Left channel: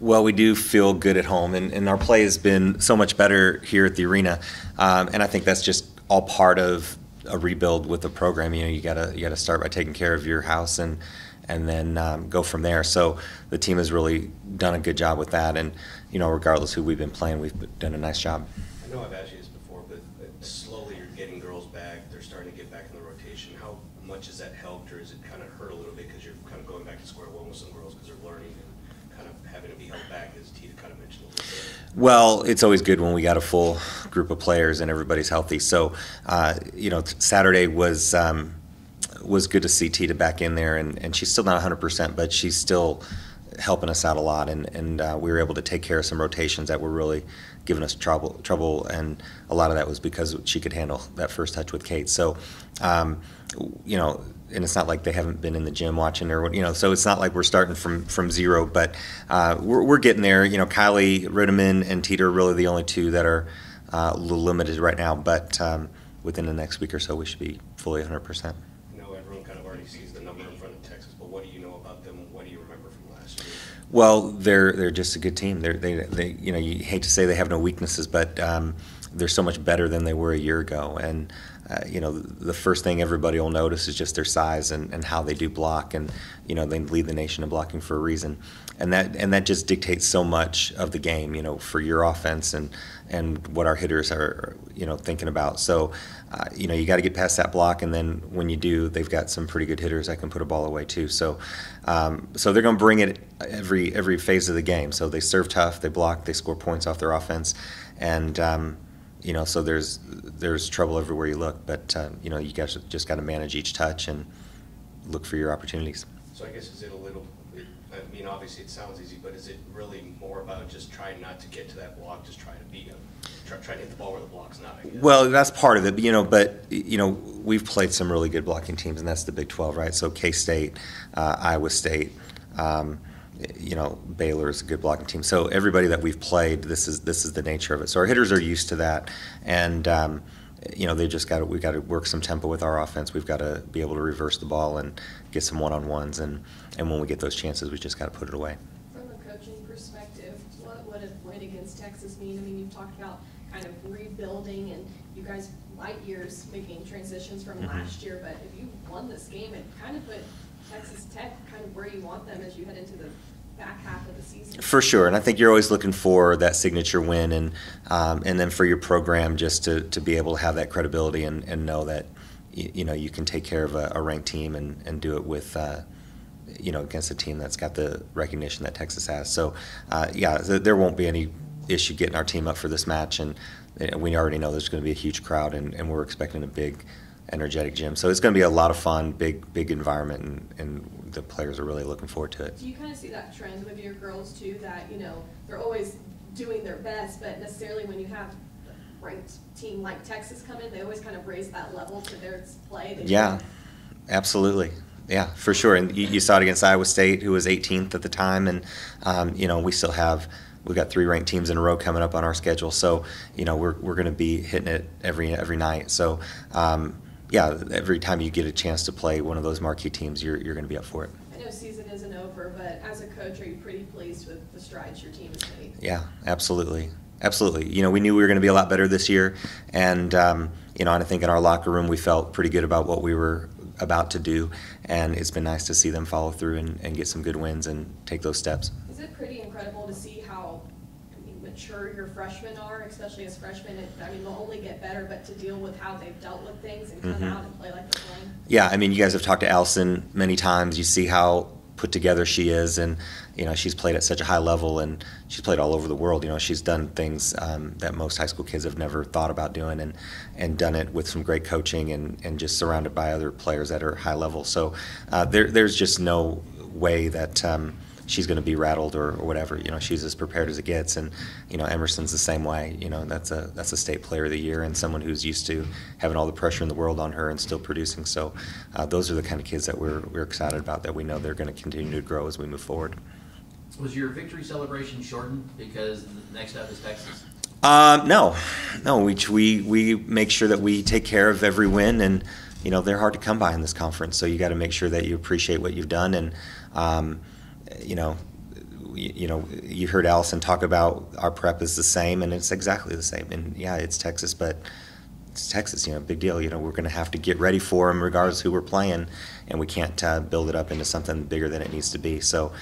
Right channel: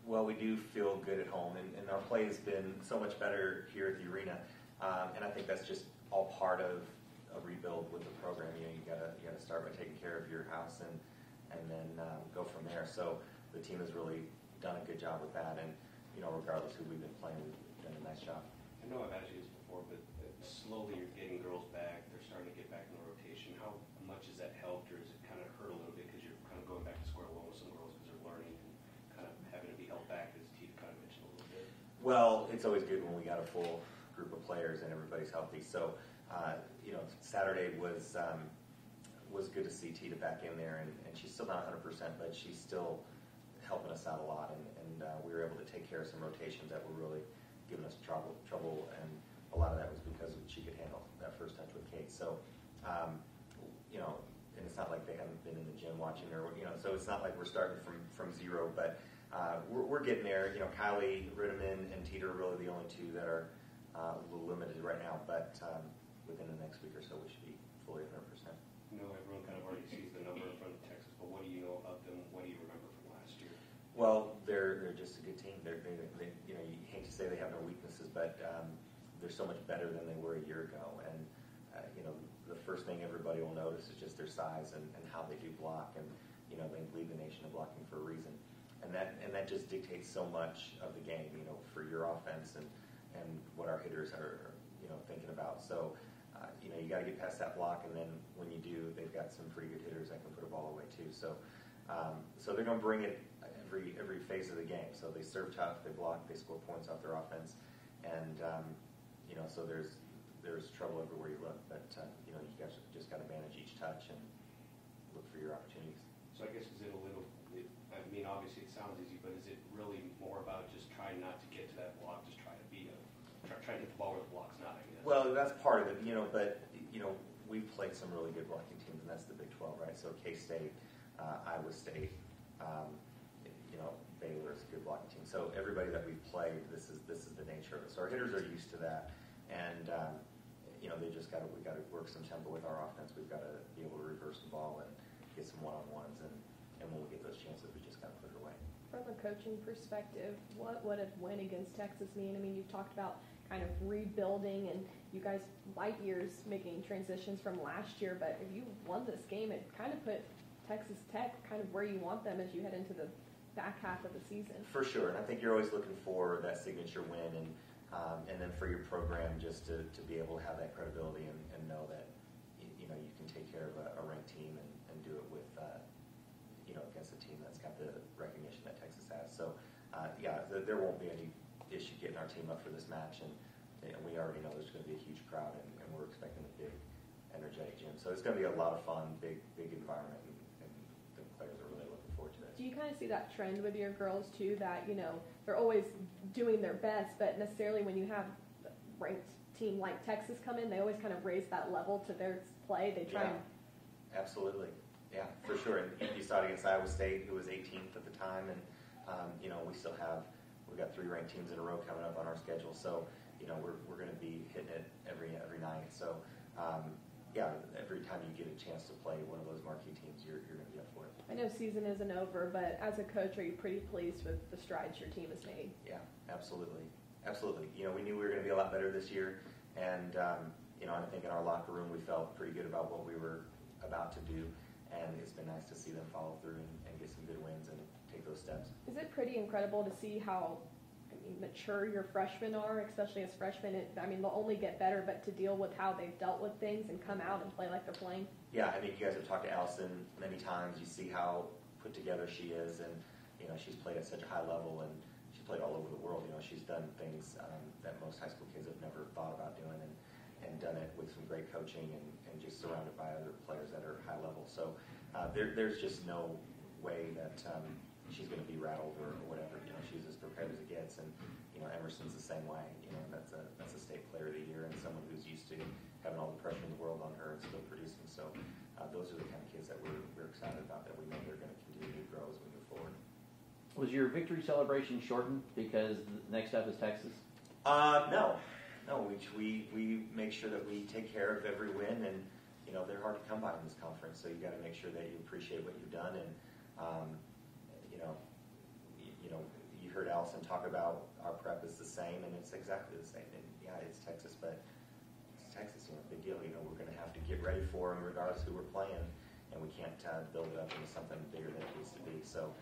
Well, we do feel good at home, and our play has been so much better here at the arena, and I think that's just all part of a rebuild with the program. You know, you gotta start by taking care of your house and then go from there. So the team has really done a good job with that, and you know, regardless who we've been playing, we've done a nice job. I know I've asked you this before, but slowly you're getting girls back. They're starting to get back in the rotation. How much has that helped, or has it kind of hurt a little bit because you're kind of going back to square one with some girls because they're learning and kind of having to be held back, as Tita kind of mentioned a little bit? Well, it's always good when we got a full group of players and everybody's healthy. So, you know, Saturday was good to see Tita back in there, and she's still not 100%, but she's still helping us out a lot, and we were able to take care of some rotations that were really giving us trouble, and a lot of that was because she could handle that first touch with Kate. So, you know, and it's not like they haven't been in the gym watching her, you know, so it's not like we're starting from zero, but we're getting there. You know, Kylie Ritteman and Tita are really the only two that are a little limited right now, but within the next week or so, we should be fully 100%. Everyone kind of already sees the number in front of Texas, but what do you know about them? What do you remember from last year? Well, they're just a good team. They you know, you hate to say they have no weaknesses, but they're so much better than they were a year ago. And you know, the first thing everybody will notice is just their size and how they do block. And you know, they lead the nation in blocking for a reason. And that just dictates so much of the game, you know, for your offense and what our hitters are, you know, thinking about. So, you know, you got to get past that block, and then when you do, they've got some pretty good hitters that can put a ball away too. So, so they're going to bring it every phase of the game. So they serve tough, they block, they score points off their offense, and you know, so there's trouble everywhere you look. But you know, you guys just got to manage each touch and look for your opportunities. So I guess is it a little? I mean, obviously it sounds easy, but is it really more about just trying not to get to that block, just trying to beat them, try to hit the ball where the block's not? I guess. Well, that's part of it, you know. But you know, we've played some really good blocking teams, and that's the Big 12, right? So K-State, Iowa State, you know, Baylor is a good blocking team. So everybody that we've played, this is the nature of it. So our hitters are used to that, and you know, we've got to work some tempo with our offense. We've got to be able to reverse the ball and get some one-on-ones, and when we get those chances, we just got to put it away. From a coaching perspective, what would a win against Texas mean? I mean, you've talked about kind of rebuilding, and you guys light years making transitions from last year, but if you won this game, it kind of put Texas Tech kind of where you want them as you head into the back half of the season. For sure, and I think you're always looking for that signature win, and then for your program just to be able to have that credibility and know that you know, you can take care of a ranked team and do it with you know, against a team that's got the recognition that Texas has. So yeah, there won't be any issue getting our team up for this match, and we already know there's going to be a huge crowd, and we're expecting a big, energetic gym. So it's going to be a lot of fun, big environment, and the players are really looking forward to it. Do you kind of see that trend with your girls too, that, you know, they're always doing their best, but necessarily when you have a ranked team like Texas come in, they always kind of raise that level to their play? Yeah, absolutely. Yeah, for sure. And you saw it against Iowa State, who was 18th at the time, and you know, we've got 3 ranked teams in a row coming up on our schedule. So you know, we're going to be hitting it every night. So yeah, every time you get a chance to play one of those marquee teams, you're going to be up for it. I know season isn't over, but as a coach, are you pretty pleased with the strides your team has made? Yeah, absolutely. Absolutely. You know, we knew we were going to be a lot better this year, and you know, and I think in our locker room we felt pretty good about what we were about to do, and it's been nice to see them follow through and get some good wins and take those steps. Is it pretty incredible to see how mature your freshmen are, especially as freshmen? I mean, they'll only get better, but to deal with how they've dealt with things and come out and play like they're playing? Yeah, I mean, you guys have talked to Allison many times. You see how put together she is, and you know, she's played at such a high level, and she's played all over the world. You know, she's done things that most high school kids have never thought about doing, and done it with some great coaching and just surrounded by other players that are high level. So there's just no way that she's going to be rattled or whatever. You know, she's as prepared as it gets, and you know, Emerson's the same way. You know, that's a state player of the year, and someone who's used to having all the pressure in the world on her and still producing. So those are the kind of kids that we're excited about, that we know they're going to continue to grow as we move forward. Was your victory celebration shortened because next up is Texas? No. We make sure that we take care of every win, and you know, they're hard to come by in this conference. So you got to make sure that you appreciate what you've done, and You know, you heard Allison talk about our prep is the same, and it's exactly the same. And yeah, it's Texas, but it's Texas, big deal. We're going to have to get ready for them regardless of who we're playing, and we can't build it up into something bigger than it needs to be. So,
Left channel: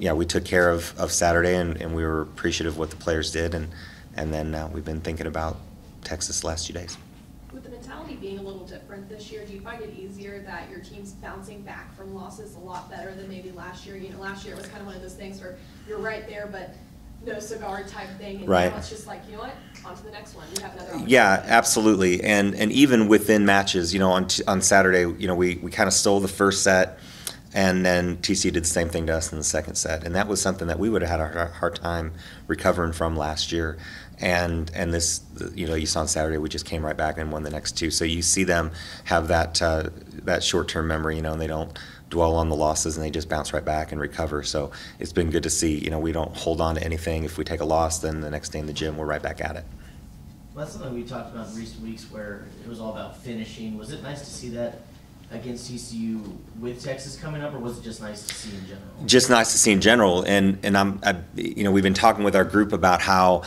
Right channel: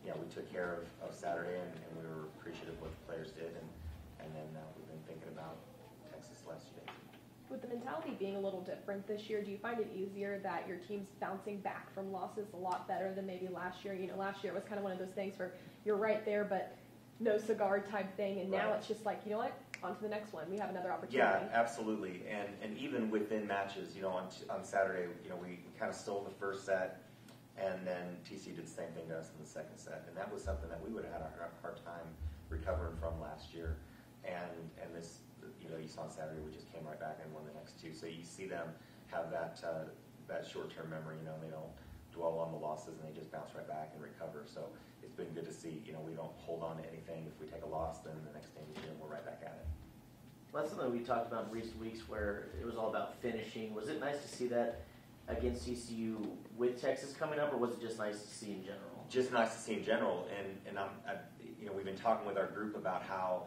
yeah, we took care of Saturday, and we were appreciative of what the players did, and then we've been thinking about Texas the last 2 days. With the mentality being a little different this year, do you find it easier that your team's bouncing back from losses a lot better than maybe last year? Last year it was kind of one of those things where you're right there, but no cigar type thing, and right. Now it's just like, you know what, on to the next one. You have another opportunity. Yeah, absolutely. And even within matches, on Saturday, we kind of stole the first set, and then TC did the same thing to us in the second set, and that was something that we would have had a hard time recovering from last year. And this, you saw on Saturday, we just came right back and won the next two. So you see them have that short-term memory, and they don't dwell on the losses, and they just bounce right back and recover. So it's been good to see. We don't hold on to anything. If we take a loss, then the next day in the gym, we're right back at it. Well, that's something we talked about in recent weeks where it was all about finishing. Was it nice to see that against TCU with Texas coming up, or was it just nice to see in general? Just nice to see in general. And we've been talking with our group about how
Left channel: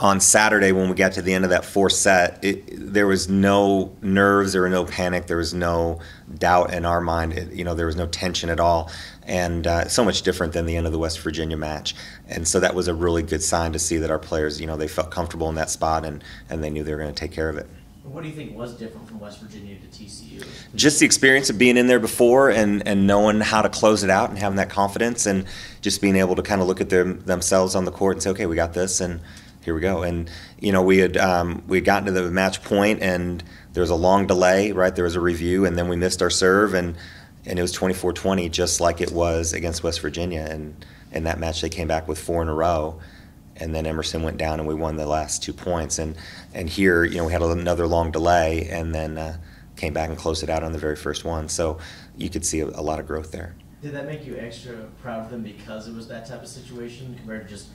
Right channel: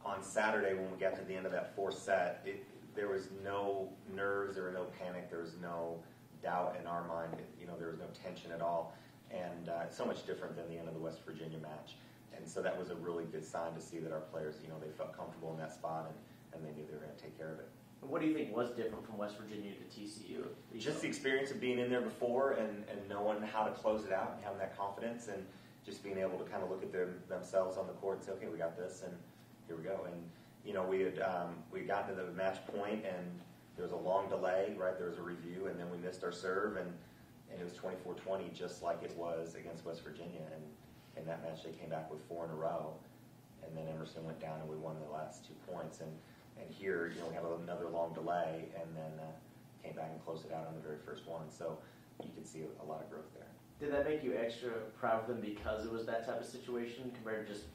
on Saturday when we got to the end of that fourth set, there was no nerves, there was no panic, there was no doubt in our mind. There was no tension at all, and so much different than the end of the West Virginia match. And so that was a really good sign to see that our players, they felt comfortable in that spot, and they knew they were going to take care of it. What do you think was different from West Virginia to TCU? Just the experience of being in there before and knowing how to close it out and having that confidence, and just being able to kind of look at themselves on the court and say, okay, we got this, and here we go. And we had gotten to the match point, and there was a long delay, right? There was a review, and then we missed our serve, and it was 24-20, just like it was against West Virginia. And in that match, they came back with 4 in a row, and then Emerson went down, and we won the last 2 points. And here, we had another long delay, and then came back and closed it out on the very first one. So you could see a lot of growth there. Did that make you extra proud of them because it was that type of situation compared to just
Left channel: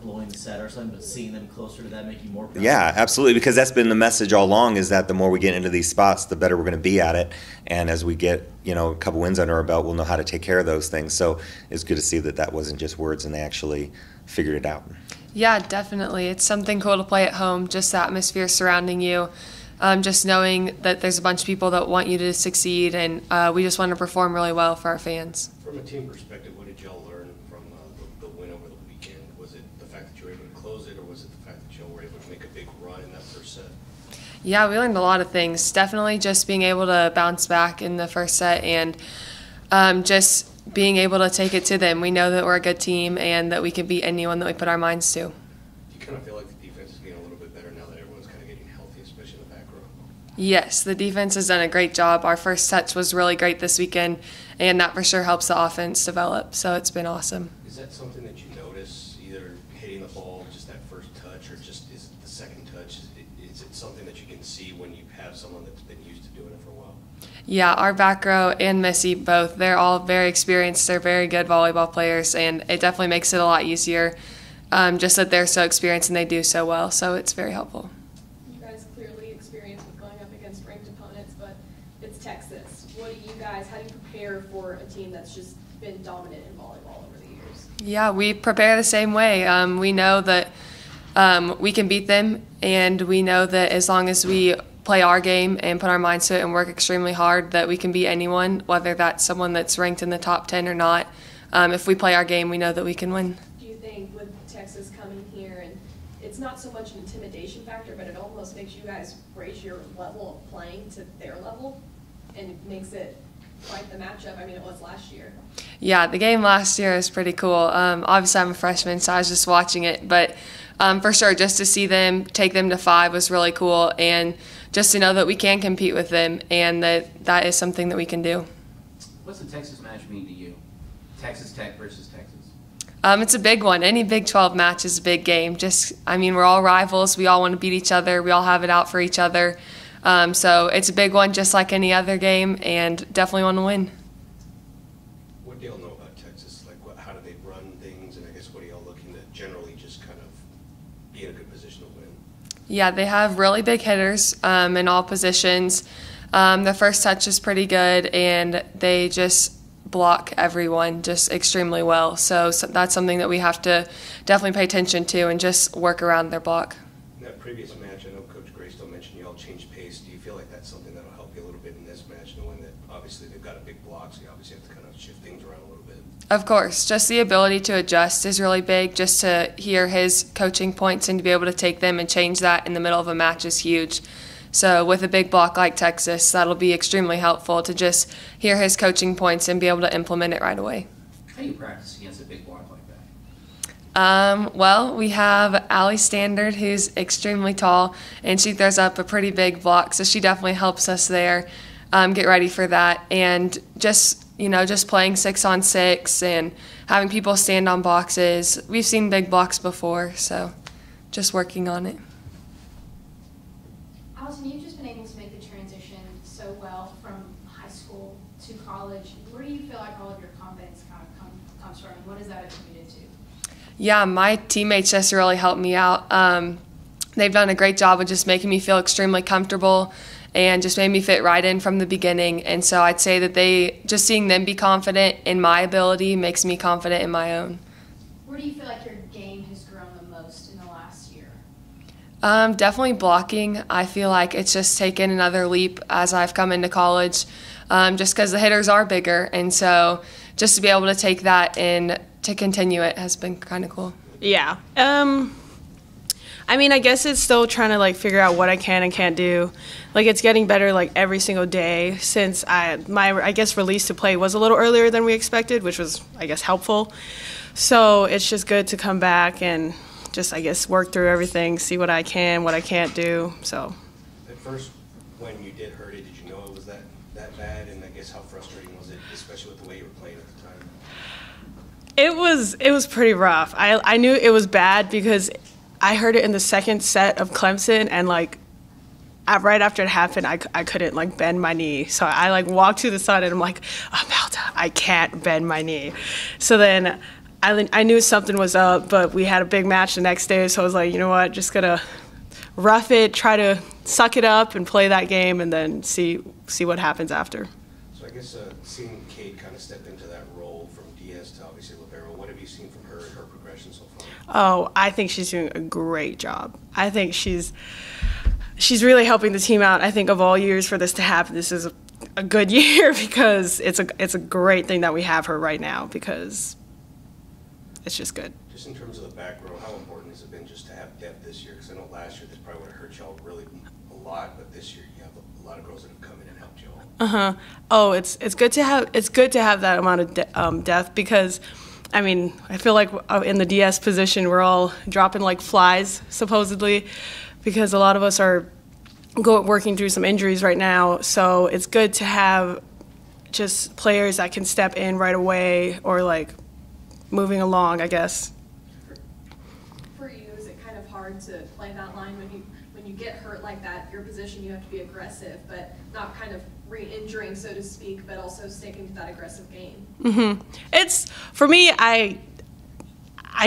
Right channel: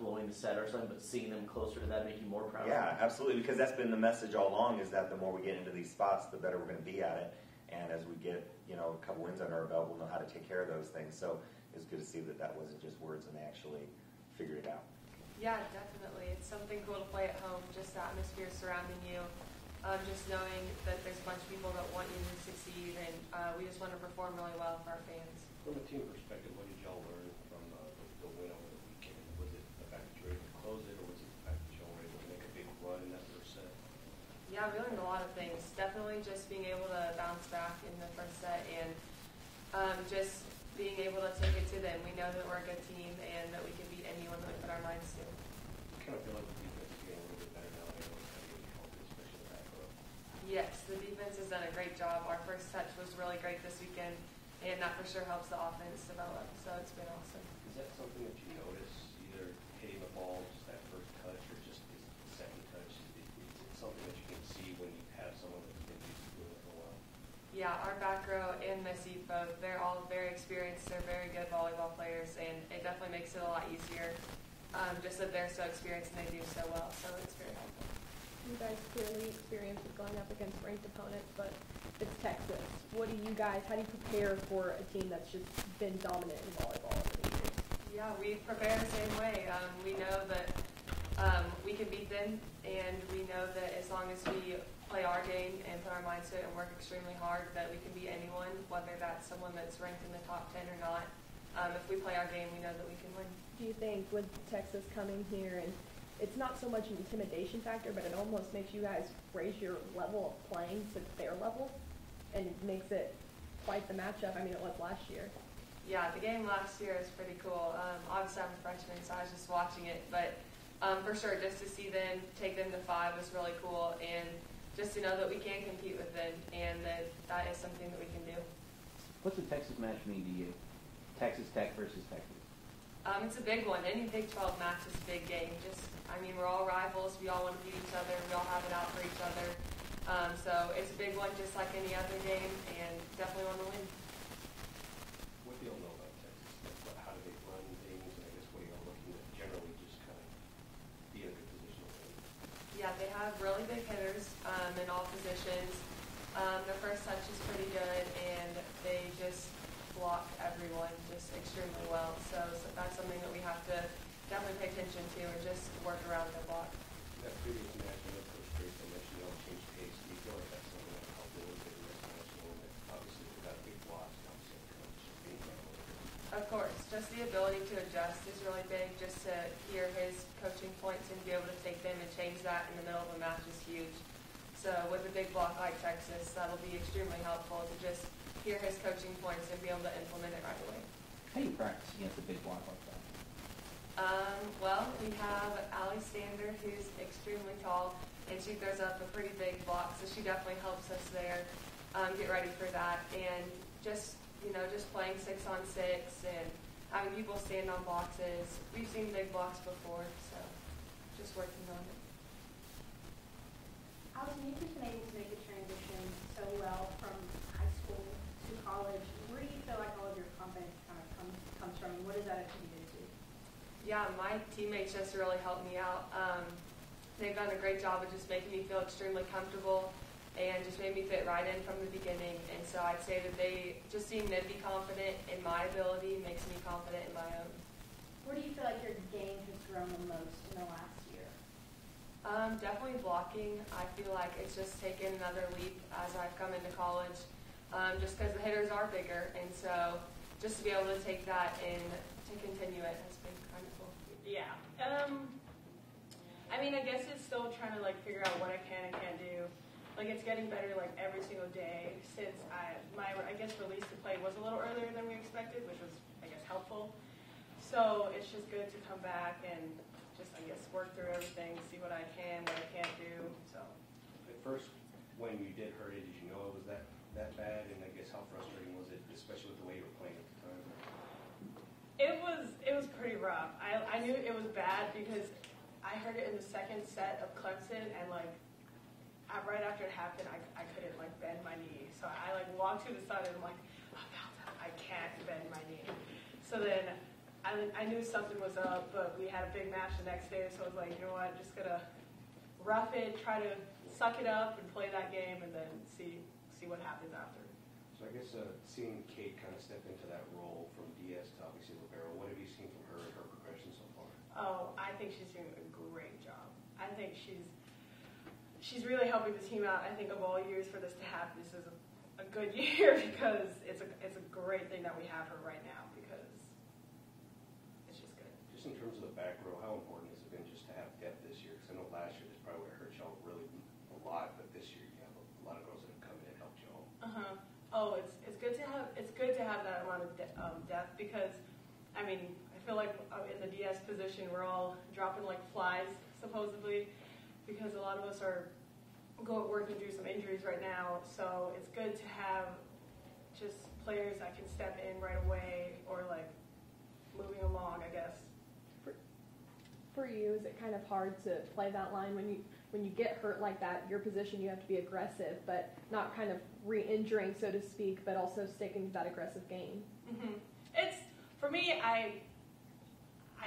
blowing the set or something, but seeing them closer, did that make you more proud? Yeah, absolutely, because that's been the message all along, is that the more we get into these spots, the better we're going to be at it. And as we get, a couple wins under our belt, we'll know how to take care of those things. So it's good to see that wasn't just words, and they actually figured it out. Yeah, definitely. It's something cool to play at home, just the atmosphere surrounding you, just knowing that there's a bunch of people that want you to succeed, and we just want to perform really well for our fans. From a team perspective, what did y'all learn from the win over the weekend? Was it the fact that you were able to close it, or was it the fact that y'all were able to make a big run in that first set? Yeah, we learned a lot of things. Definitely just being able to bounce back in the first set, and just being able to take it to them. We know that we're a good team and that we can beat anyone that we put our minds to. Do you kind of feel like the defense is getting a little bit better now that everyone's kind of getting healthy, especially in the back row? Yes, the defense has done a great job. Our first touch was really great this weekend, and that for sure helps the offense develop. So it's been awesome. Is that something that you notice, either hitting the ball, just that first touch, or just is it the second touch? Is it something that you can see when you have someone that's been used to doing it for a while? Yeah, our back row and Missy both, they're all very experienced. They're very good volleyball players, and it definitely makes it a lot easier, just that they're so experienced and they do so well. So it's very helpful. You guys clearly experienced with going up against ranked opponents, but it's Texas. How do you prepare for a team that's just been dominant in volleyball over the years? Yeah, we prepare the same way. We know that we can beat them, and we know that as long as we play our game and put our minds to it and work extremely hard, that we can beat anyone, whether that's someone that's ranked in the top 10 or not. If we play our game, we know that we can win. Do you think with Texas coming here, and it's not so much an intimidation factor, but it almost makes you guys raise your level of playing to their level, and it makes it quite the matchup? I mean, it was last year. Yeah, the game last year was pretty cool. Obviously, I'm a freshman, so I was just watching it, but for sure, just to see them take them to 5 was really cool, and just to know that we can compete with them and that is something that we can do. What's the Texas match mean to you? Texas Tech versus Texas? It's a big one. Any Big 12 match is a big game. We're all rivals. We all want to beat each other. We all have it out for each other. So it's a big one, just like any other game, and definitely want to win. What do y'all know about Texas? Like, how do they run things, and I guess what are y'all looking to generally just kind of be in a good position to win? Yeah, they have really big hitters in all positions. Their first touch is pretty good, and they just block everyone just extremely well. So that's something that we have to definitely pay attention to and just work around their block. In that previous match, I know Coach Graystill mentioned you all changed pace. Do you feel like that's something that'll help you a little bit in this match, knowing that obviously they've got a big block, so you obviously have to kind of shift things around a little bit? Of course, just the ability to adjust is really big. Just to hear his coaching points and to be able to take them and change that in the middle of a match is huge. So with a big block like Texas, that'll be extremely helpful to just hear his coaching points and be able to implement it right away. How do you practice against a big block like that? Well, we have Allie Standard, who's extremely tall, and she throws up a pretty big block, so she definitely helps us there get ready for that. And just playing 6-on-6 and having people stand on boxes. We've seen big blocks before, so just working on it. Allison, you've just been able to make the transition so well from high school to college. Where do you feel like all of your confidence kind of comes from, and what is that attributed to? Yeah, my teammates just really helped me out. They've done a great job of just making me feel extremely comfortable and just made me fit right in from the beginning. And so I'd say that just seeing them be confident in my ability makes me confident in my own. Where do you feel like your game has grown the most in the last year? Definitely blocking. I feel like it's just taken another leap as I've come into college, just because the hitters are bigger. And so just to be able to take that and to continue it has been kind of cool. Yeah. I mean, I guess it's still trying to like figure out what I can and can't do. Like it's getting better like every single day since my guess release to play was a little earlier than we expected, which was I guess helpful. So it's just good to come back and just I guess work through everything, see what I can, what I can't do. So. At first, when you did hurt it, did you know it was that bad? And I guess how frustrating was it, especially with the way you were playing at the time? It was pretty rough. I knew it was bad because I heard it in the second set of Clemson, and like right after it happened, I couldn't like bend my knee. So I like walked to the side and I'm like, Imelda, I can't bend my knee. So then I knew something was up, but we had a big match the next day, so I was like, you know what, just gonna rough it, try to suck it up and play that game, and then see what happens after. So I guess seeing Kate kind of step into that role from DS to obviously libero, what have you seen from her and her progression so far? Oh, I think she's doing a great job. I think she's really helping the team out. I think of all years for this to happen, this is a good year because it's a great thing that we have her right now because it's just good. Just in terms of the back row, how important has it been just to have depth this year? Because I know last year this probably would have hurt y'all really a lot, but this year you have a lot of girls that have come in and helped y'all. Oh, it's good to have that amount of depth because, I mean, I feel like in the DS position we're all dropping like flies supposedly, because a lot of us are working through some injuries right now. So it's good to have just players that can step in right away or like moving along, I guess. For you, is it kind of hard to play that line when you get hurt like that? Your position, you have to be aggressive, but not kind of re-injuring, so to speak, but also sticking to that aggressive game. It's for me. I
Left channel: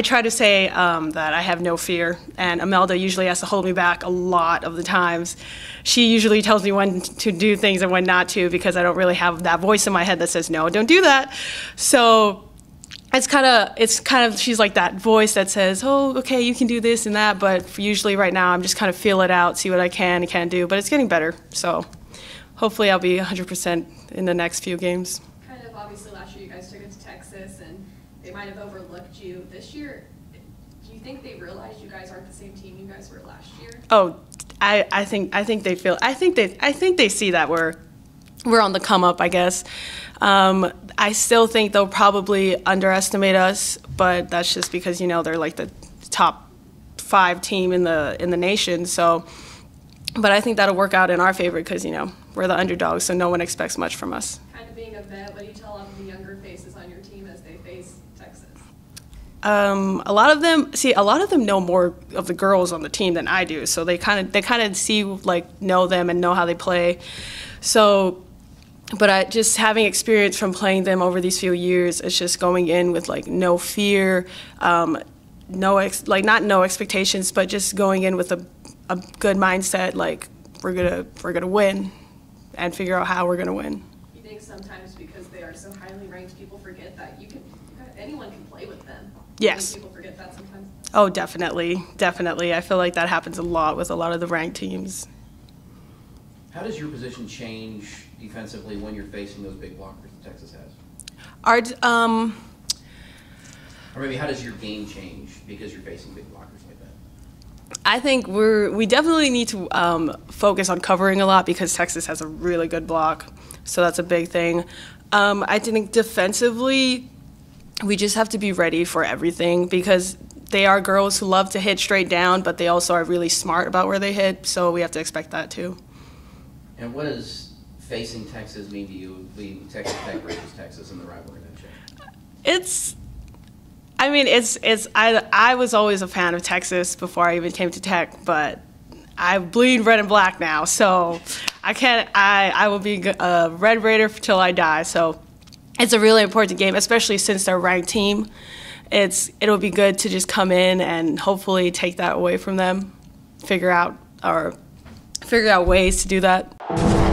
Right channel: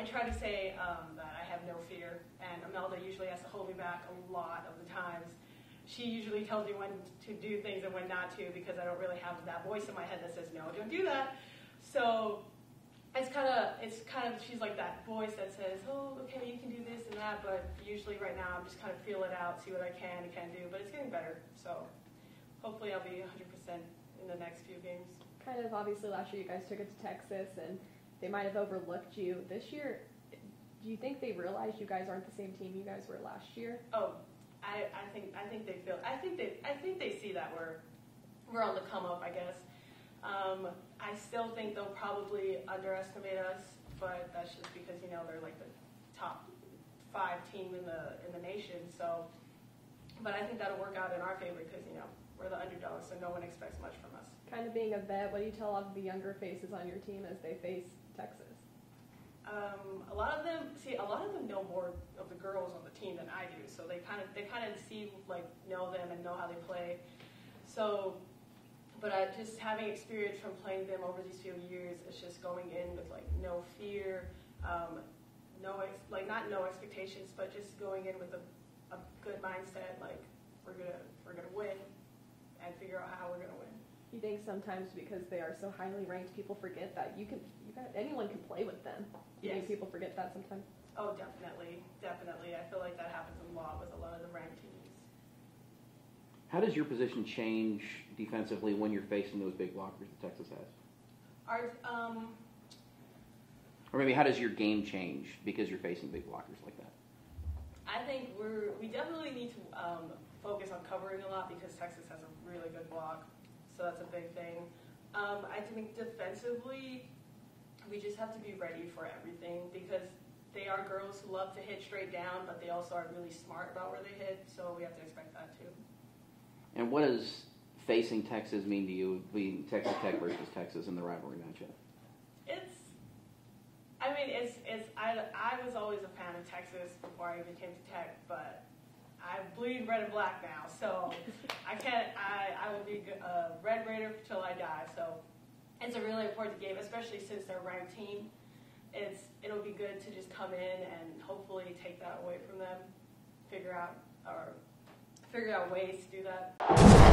try to say that I have no fear, and Imelda usually has to hold me back a lot of the times. She usually tells me when to do things and when not to because I don't really have that voice in my head that says, no, don't do that. So it's kind of she's like that voice that says, oh, okay, you can do this and that, but usually right now I'm just kind of feel it out, see what I can and can't do, but it's getting better. So hopefully I'll be 100% in the next few games. Kind of obviously last year you guys took it to Texas and they might have overlooked you. This year, do you think they realized you guys aren't the same team you guys were last year? Oh, I think they see that we're on the come up, I guess. I still think they'll probably underestimate us, but that's just because they're like the top 5 team in the nation. So, but I think that'll work out in our favor because we're the underdogs, so no one expects much from us. Kind of being a vet, what do you tell all of the younger faces on your team as they face Texas? A lot of them know more of the girls on the team than I do, so they kind of see know them and know how they play. So, but just having experience from playing them over these few years, it's just going in with no fear, not no expectations, but just going in with a good mindset, we're gonna win, and figure out how we're gonna win. You think sometimes because they are so highly ranked, people forget that anyone can play with them. Yes. People forget that sometimes. Oh, definitely, definitely. I feel like that happens a lot with a lot of the ranked teams. How does your position change defensively when you're facing those big blockers that Texas has? Our, Or maybe how does your game change because you're facing big blockers like that? I think we definitely need to focus on covering a lot because Texas has a really good block, so that's a big thing. I think defensively, we just have to be ready for everything because they are girls who love to hit straight down, but they also are really smart about where they hit, so we have to expect that too. And what does facing Texas mean to you, being Texas Tech versus Texas in the rivalry matchup? I was always a fan of Texas before I even came to Tech, but I bleed red and black now, so I will be a Red Raider till I die, so it's a really important game, especially since they're a ranked team. It'll be good to just come in and hopefully take that away from them, figure out ways to do that.